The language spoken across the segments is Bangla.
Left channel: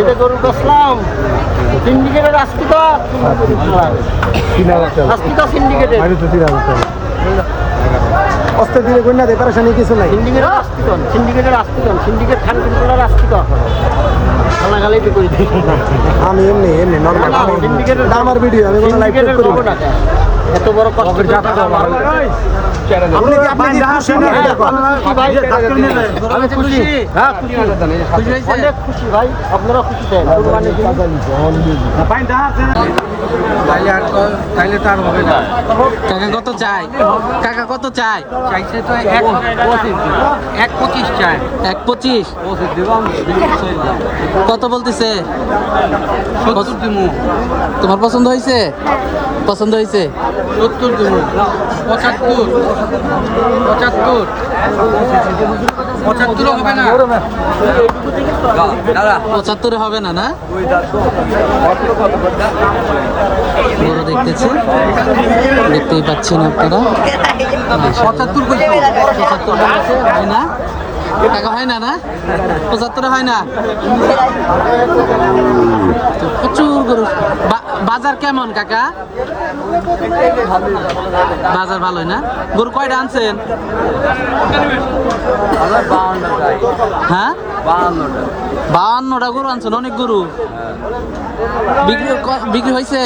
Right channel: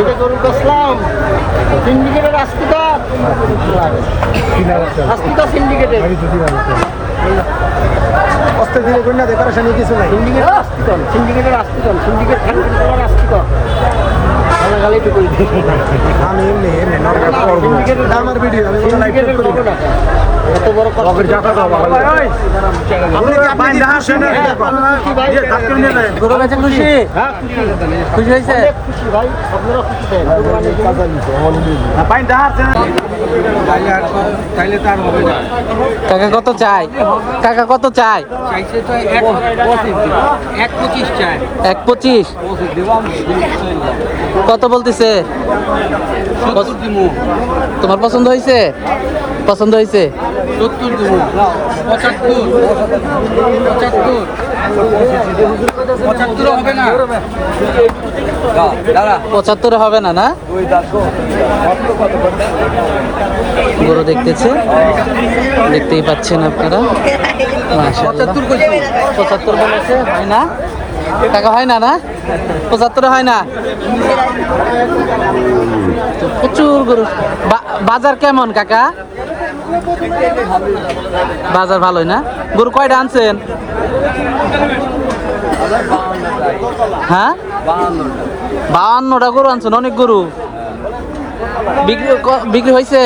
এটা গরু বসলাম সিন্ডিকেটের আস্তিকা সিন্ডিকেটের অস্তে ধীরে করি না দেখার সামনে কিছু নাই সিন্ডিকেট খান করার আস্তিকা গালাগালি তো করি আমি এমনি সিন্ডিকেটের আমার ভিডিও সিন্ডিকেটের করবো না এত বড় খুশি ভাই আপনারা খুশি দেন তাইলে তার হবে না। কাকা কত চাই? কাকা কত চাই? চাইছে তো 1.25 চাই। 1.25 কত বলতেছে? 70 দিমু। তোমার পছন্দ হয়েছে? পছন্দ হয়েছে? 70 দিমু। 75 হবে না। দাদা 75 হবে না না? গরু দেখতেছে, দেখতেই পাচ্ছেন আপনারা। 75 বলেছে, হয় না টাকা? হয় না না? 75 হয় না? তো প্রচুর গরু। বাজার কেমন কাকা? বাজার ভালোই না? গরু কয়টা আনছেন? হ্যাঁ 52টা গরু আনছেন, অনেক গরু। বিক্রি হয়েছে?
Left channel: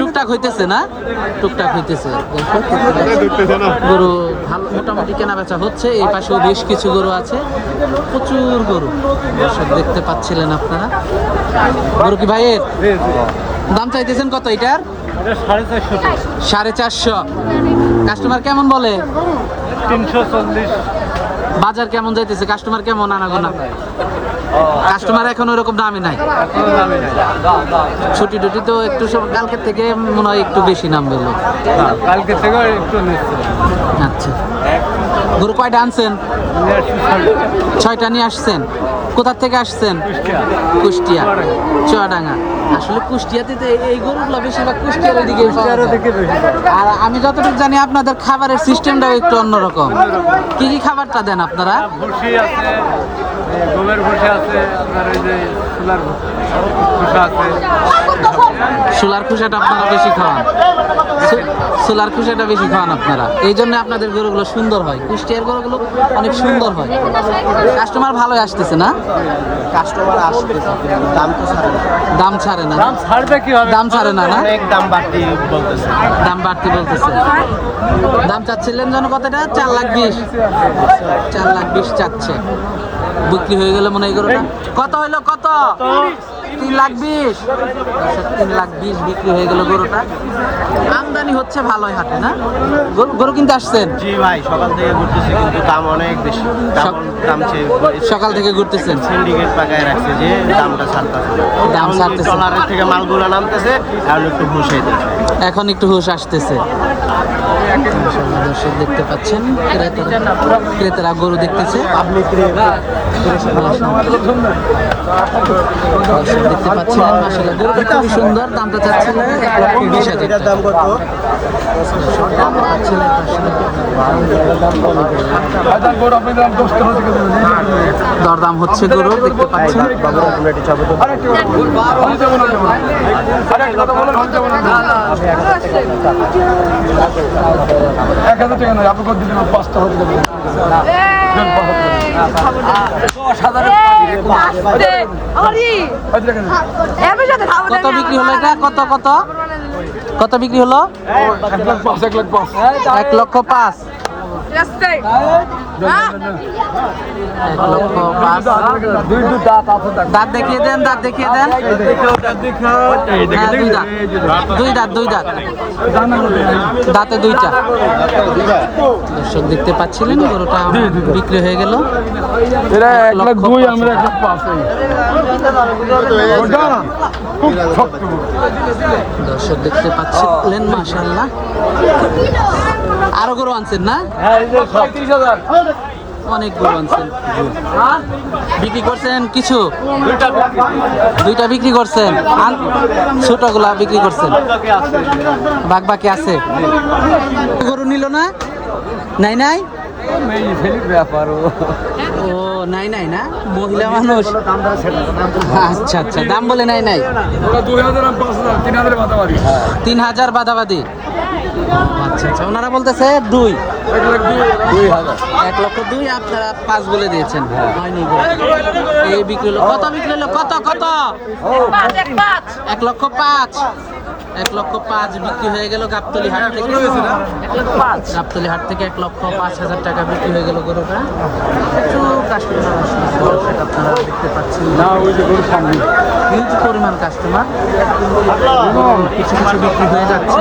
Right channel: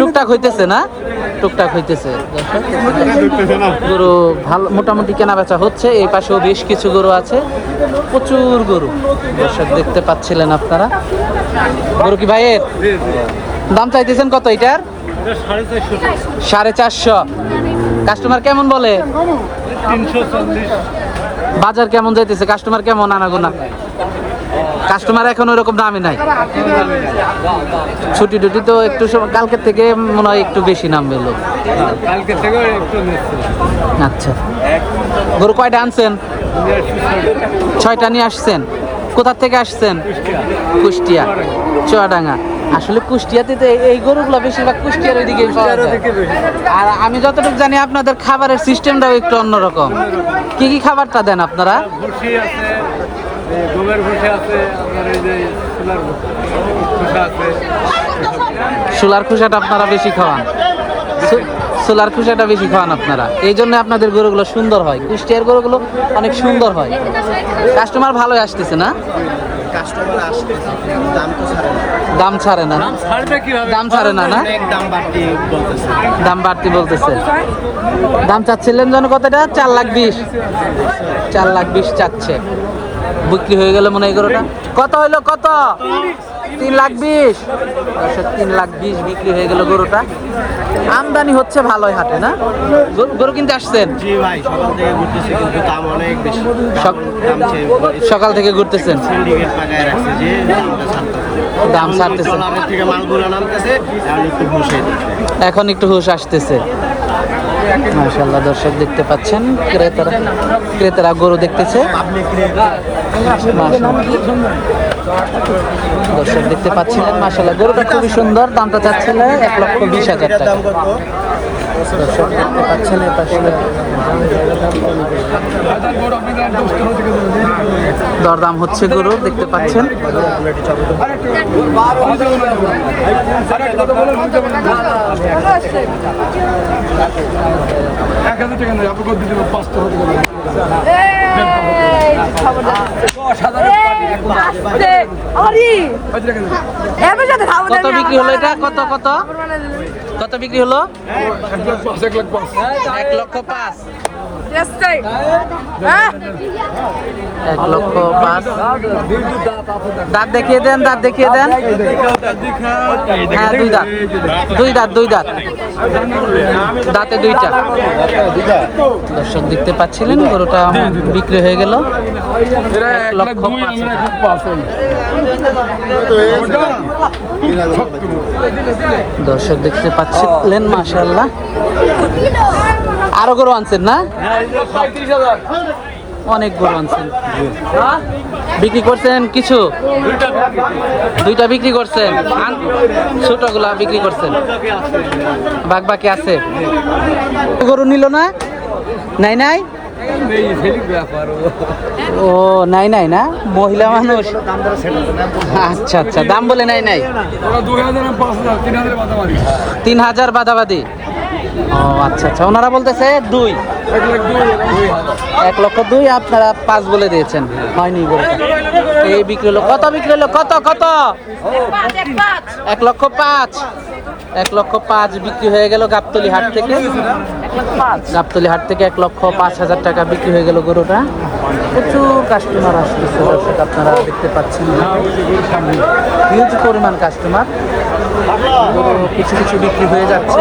টুকটাক হইতেছে না? টুকটাক হইতেছে। গরু ভালো মোটামুটি কেনা বেচা হচ্ছে। এই পাশেও বেশ কিছু গরু আছে, প্রচুর গরু দর্শক দেখতে পাচ্ছিলেন আপনারা। গরু কি ভাইয়ের? দাম চাইতেছেন কত এটার? 450। কাস্টমার কেমন বলে? 340। বাজার কেমন যাইতেছে? কাস্টমার কেমন আনাগোনা? কাস্টমার এখন ওরকম দামই নাই। ছুটি টুটি তো একটু কালকের থেকে মনে হয় একটু বেশি নামবে লোক। কালকে থেকে একটু নিচ্ছে। আচ্ছা, গরু কয়টা আনছেন? 6টা নিয়ে আসছেন। কোথা থেকে আসছেন? কুষ্টিয়া, চুয়াডাঙ্গা। আসলে কুষ্টিয়াতে তো এই গরুগুলো বেশিরভাগ কুষ্টিয়ার ওইদিকে পাওয়া যায়। আর আমি যতটুকু জানি আপনাদের খাবারের সিস্টেমটাও একটু অন্যরকম। কি কি খাবারটা দেন আপনারা? ভুসি আছে, গমের ভুসি আছে, আপনার ওই যে সোলার খোসা আছে। সোলার খোসাটা আপনারা বেশি খাওয়ান? সোলার খোসাটা বেশি খাওয়ান আপনারা, এই জন্য আপনাদের গরুগুলো সুন্দর হয়। কুষ্টিয়ার গরুগুলো অনেক সুন্দর হয়। কাস্টমার ভালোই আসতেছে না? কাস্টমার আসতেছে, দাম তো ছাড়ে না। দাম ছাড়ে না? দাম ছাড়ে না না? অনেক দাম বাড়তি বলতেছে। দাম বাড়তি বলতেছে। দাম চাচ্ছিলেন যেন কতটা? 4,20,000। 4,20,000 চাচ্ছে। বিক্রি হয়ে গেলে মনে হয় গরুটা কত হইলো? কত? 3,20,000। দর্শক 3,20,000 বিক্রি হয়ে গেল গরুটা। আমদানি হচ্ছে ভালোই হাটে না? গরু কিনতে আসছেন? জি ভাই, সকাল থেকে ঘুরতেছে কিন্তু দাম অনেক বেশি। দাম সকাল থেকে ঘুরতেছেন? সিন্ডিকেট পাকায় রাখছে যে দামটা ছাড়তেছে। দাম ছাড়তেছে, ট্রলারের থেকে মালগুলো নামতেছে, এখন একটু হুঁশ হইতেছে। এখন একটু হুঁশ আসতেছে। মাশাআল্লাহ দর্শক দেখতে পাচ্ছেন, ক্রেতারা গরু দেখতেছে। দর্শক দেখতে পাচ্ছিলেন, মাশাআল্লাহ গরুটা খুবই সুন্দর। দামটা চাচ্ছিল 1,20,000 টাকা। দর্শক দেখতে পাচ্ছেন দরদাম হচ্ছে গরু দেখতে পাচ্ছেন। কত বিক্রি হলো এটা? কত কত কত বিক্রি হলো? 1,05,000। 1,05,000। দাঁত দেখিয়ে দেন, দাঁত দেখিয়ে দেন। হ্যাঁ, দুই দাঁত, দুই দাঁত, দুই দাঁত, দাঁতে দুইটা। দর্শক দেখতে পাচ্ছিলেন গরুটা বিক্রি হয়ে গেল 1,05,000। দর্শক দেখতে পাচ্ছিলেন, মাশাআল্লাহ। আরো গরু আনছেন না? অনেক গরু আনছেন। বিক্রি করছেন কিছু? দুইটা বিক্রি করছেন, ছোটগুলা বিক্রি করছেন, বাকি আছে। গরু নিল না? নাই নাই এই ছেলে ব্যাপার ও নাই নাই না মহিলা মানুষ আচ্ছা আচ্ছা দাম বলে নাই নাই 2000 5000 3000 বাদাবাদি 3000 বাদাবাদি ও আচ্ছা আচ্ছা ওনারা বলতেছে 2 1,02,000 আপনারা 5 বলে দিয়েছেন হয়নি এই বিক্রি হলো কত বিক্রি হলো কত কত 1,05,000 1,05,000 বিক্রি হয়ে গেল গাবতলী হাট থেকে গাবতলী হাট থেকে 1,05,000 টাকা বিক্রি হয়ে গেল গরুটা প্রচুর কাস্টমার আসতেছে দর্শক আপনারা দেখতে পাচ্ছেন হিউজ পরিমাণ কাস্টমার গরু কিছু কিছু বিক্রি হয়ে যাচ্ছে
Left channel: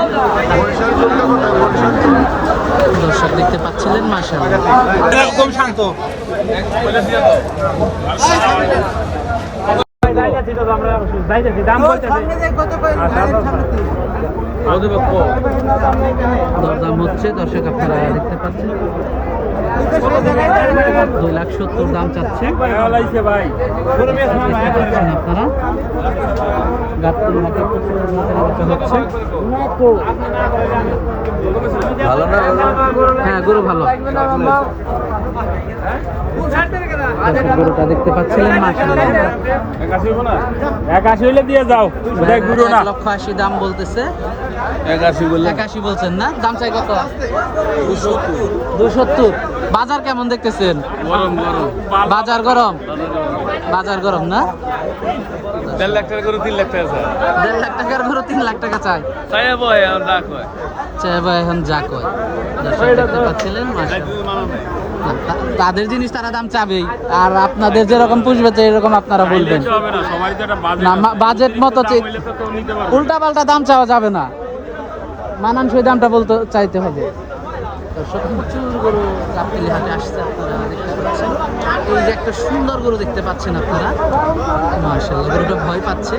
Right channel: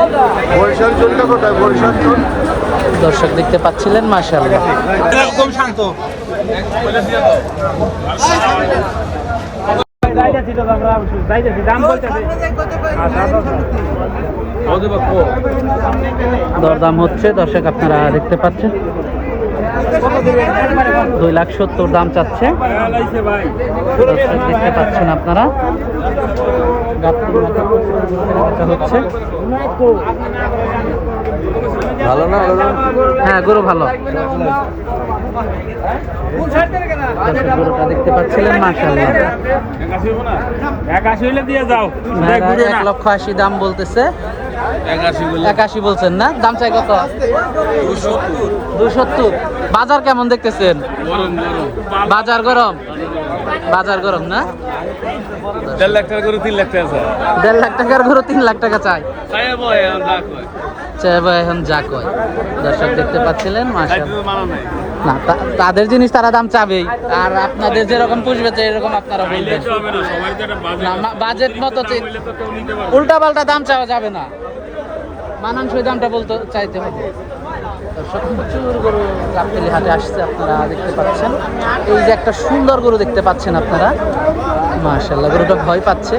দর্শক দেখতে পাচ্ছিলেন মাশাআল্লাহ একদম শান্ত দরদাম হচ্ছে দর্শক আপনারা দেখতে পাচ্ছেন 2,70,000 দাম চাচ্ছে দেখতে পাচ্ছেন আপনারা গাবতলী হাটে প্রচুর কেনাবেচা হচ্ছে ভালো না হ্যাঁ গরু ভালো দর্শক গরুটা দেখতে পাচ্ছিলেন মাশাআল্লাহ 81 দিয়ে যাও 1,80,000 দাম বলতেছে 81 বলছেন না দাম চাই কত 270 বাজার কেমন দেখতেছেন গরম গরম বাজার গরম বাজার গরম না 1.5 লাখ টাকা করে 3 লাখ টাকা 1.5 লাখ টাকার গরু 3 লাখ টাকা চাই তাই বয় আমরা কই চাই ভাই এখন যা কয় দর্শক দেখতে পাচ্ছিলেন মাশাআল্লাহ না তাদের জিনিস তারা দাম চাবেই আর আপনাদের যেরকম পুষবে তো এরকম আপনারা বলবেন না বাজেট মতো উল্টা পাল্টা দাম চাওয়া যাবে না মানানসই দামটা বলতে চাইতে হবে দর্শক প্রচুর গরু গাবতলী হাটে আসছে আপনারা দেখতে পাচ্ছেন এই যে একটা সুন্দর গরু দেখতে পাচ্ছেন আপনারা মাশাআল্লাহ গরুটা ভয় পাচ্ছে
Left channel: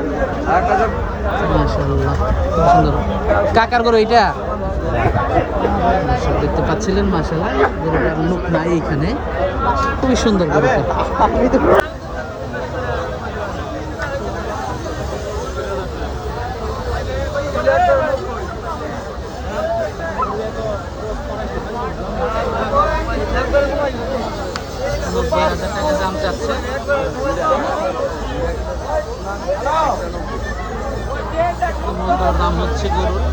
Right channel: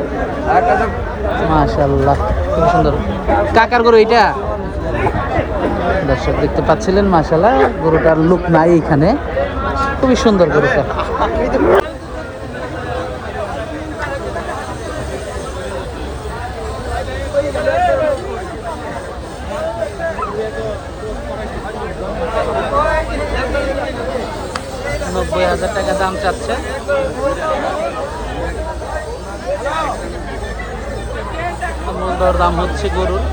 মাশাআল্লাহ খুব সুন্দর কাকার গরু এটা দর্শক দেখতে পাচ্ছিলেন মাশাআল্লাহ গরুটার লুক নাই এইখানে খুবই সুন্দর গরুটা $90,000 দাম চাচ্ছে মূল দাম হচ্ছে গরুর